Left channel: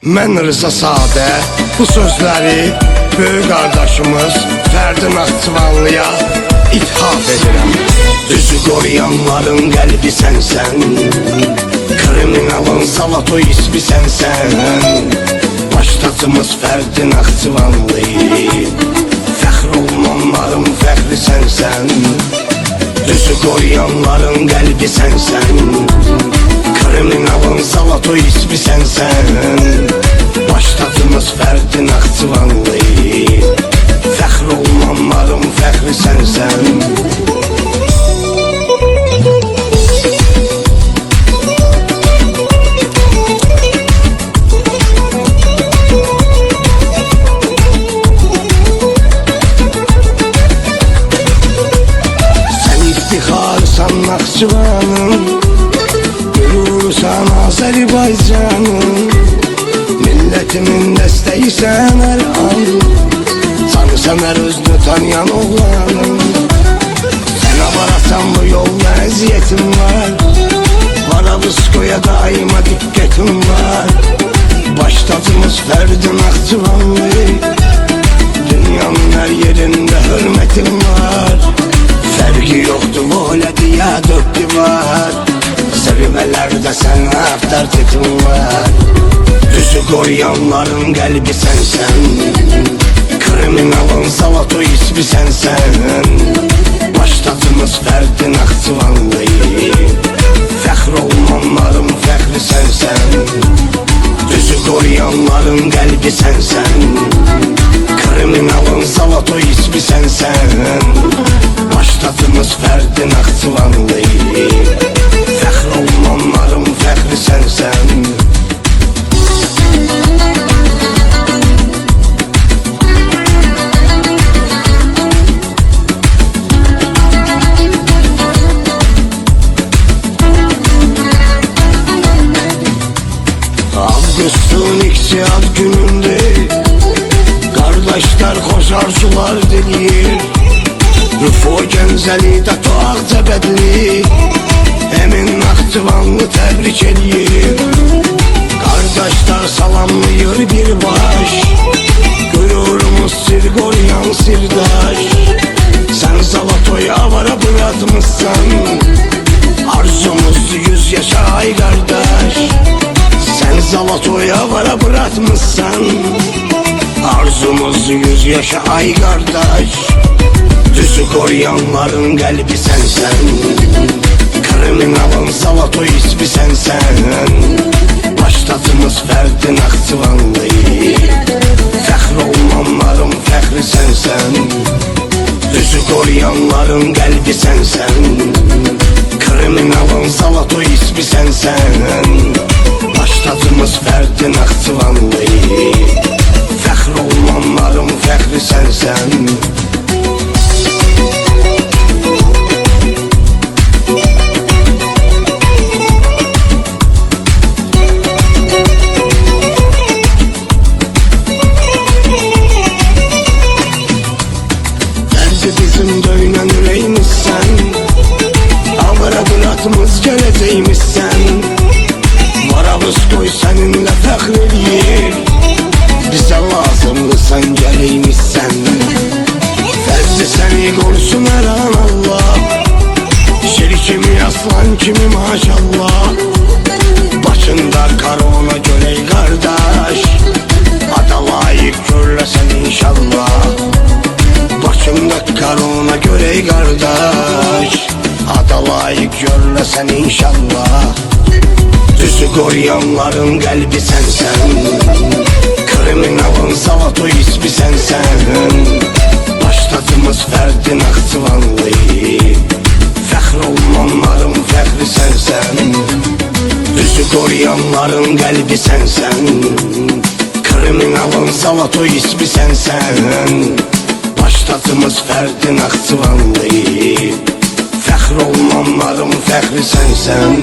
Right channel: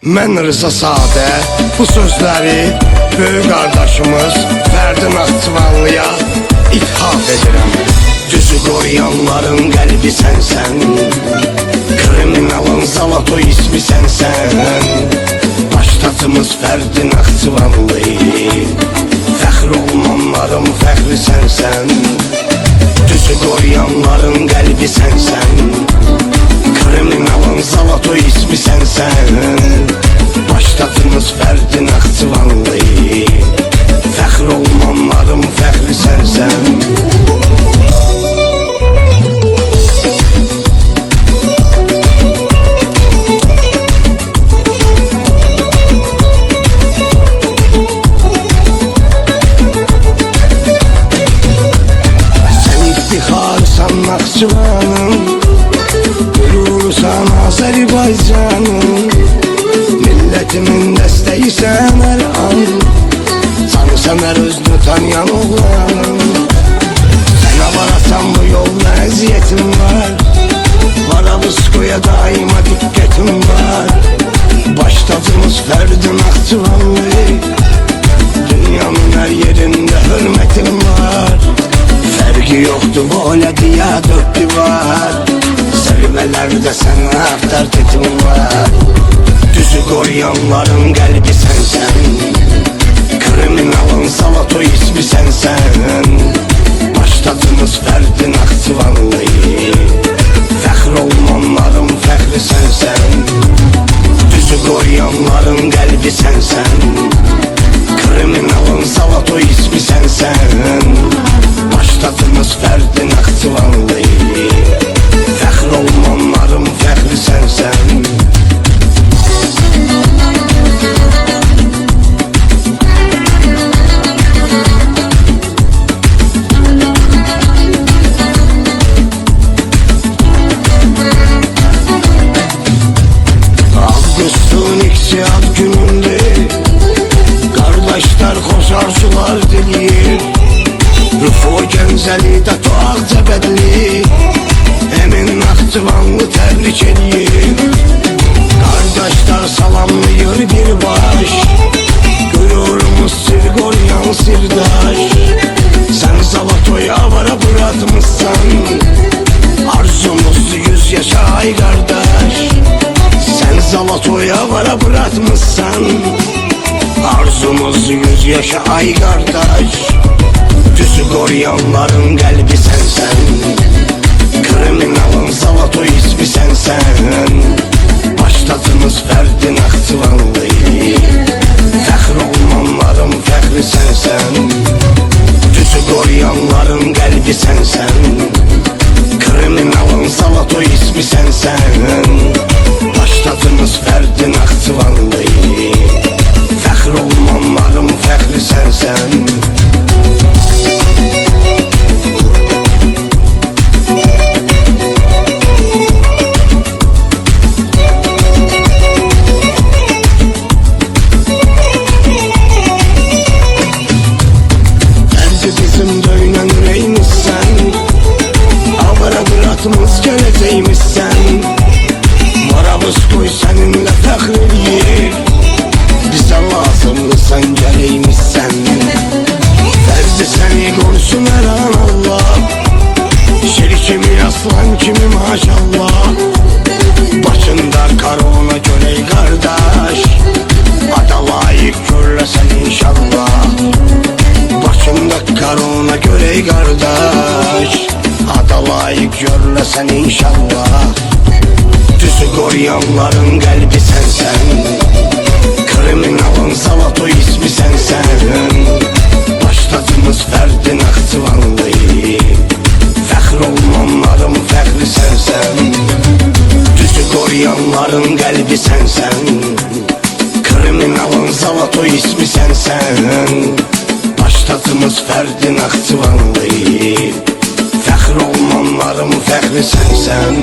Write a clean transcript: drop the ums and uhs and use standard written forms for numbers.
Mən Rıza Sadə bu sözləri böyük qardaşımız Fərdi Naxçıvanlıya ithaf edirəm. Düzü qoruyanların qəlbi sənsən, kriminalın Zalatoy ismi sənsən. Baştacımız Fərdi Naxçıvanlı, fəxr olmanların fəxri sənsən. Düzü qoruyanların qəlbi sənsən, kriminalın Zalatoy ismi sənsən. Baştacımız Fərdi Naxçıvanlı, fəxr olmanların fəxri sənsən. Sən iftixarsan Naxçıvanın, qürursan Azərbaycanın. Milletimin dəstəyisən hər an, canısan hər özünü tanıyan oğlanın. Sən avarasan bu yolda əziyyətin var, Varavıskoya daima diqqətin var. Baştacımız Fərdi Naxçıvanlı, dünyanın hər yerində hörmətin var. Fərqi yoxdur volədiyə dörd divar, zirvələrdə sənə avtoritetin var. Düzü qoruyanların qəlbi sənsən, kriminalın Zalatoy ismi sənsən. Baştacımız Fərdi Naxçıvanlı, fəxr olmanların fəxri sənsən. Düzü qoruyanların qəlbi sənsən, kriminalın Zalatoy ismi sənsən. Baştacımız Fərdi Naxçıvanlı, fəxr olmanların fəxri sənsən. Avqustun 2 ad günündür, qardaşlar xoş arzular diləyir. Rüfo Gəncəlidə Ağcabədli, Əmin Naxçıvanlı təbrik eləyir. Qardaşlar salamlayır birbaş, qürurumuz sir qoruyan sirdaş. Sən Zalatoy avara bıratmışsan, arzumuz 100 yaşa ay qardaş. Sen Zalatoy avara bırakmışsan, arzumuz 100 yaşa ay kardeş. Düzü koruyanların qəlbi sənsən, kriminalın Zalatoy ismi sənsən. Baştacımız Fərdi Naxçıvanlı, fəxr olmanların fəxri sənsən. Düzü koruyanların qəlbi sənsən, kriminalın Zalatoy ismi sənsən. Baştacımız Fərdi Naxçıvanlı, fəxr olmanların fəxri sənsən. Fərdi bizim döynən ürəyimizsən, avara bıratmız gələcəyimizsən. Varavıskoy səninlə fəxr eləyir, bizə lazımlısan gələyimizsən. Fərdi səni qorusun hər an Allah, şir kimi aslan kimi maşallah. Başında korona görək qardaş, ada layiq görləsən inşallah. Başında korona görək qardaş, ada layiq görləsən inşallah. Düzü qoruyanların qəlbi sənsən, kriminalın Zalatoy ismi sənsən. Baştacımız Fərdi Naxçıvanlı, fəxr olmanların fəxri sənsən. Düzü qoruyanların qəlbi sənsən, kriminalın Zalatoy ismi sənsən. Baştacımız Fərdi Naxçıvanlı, fəxr olmanların fəxri sənsən.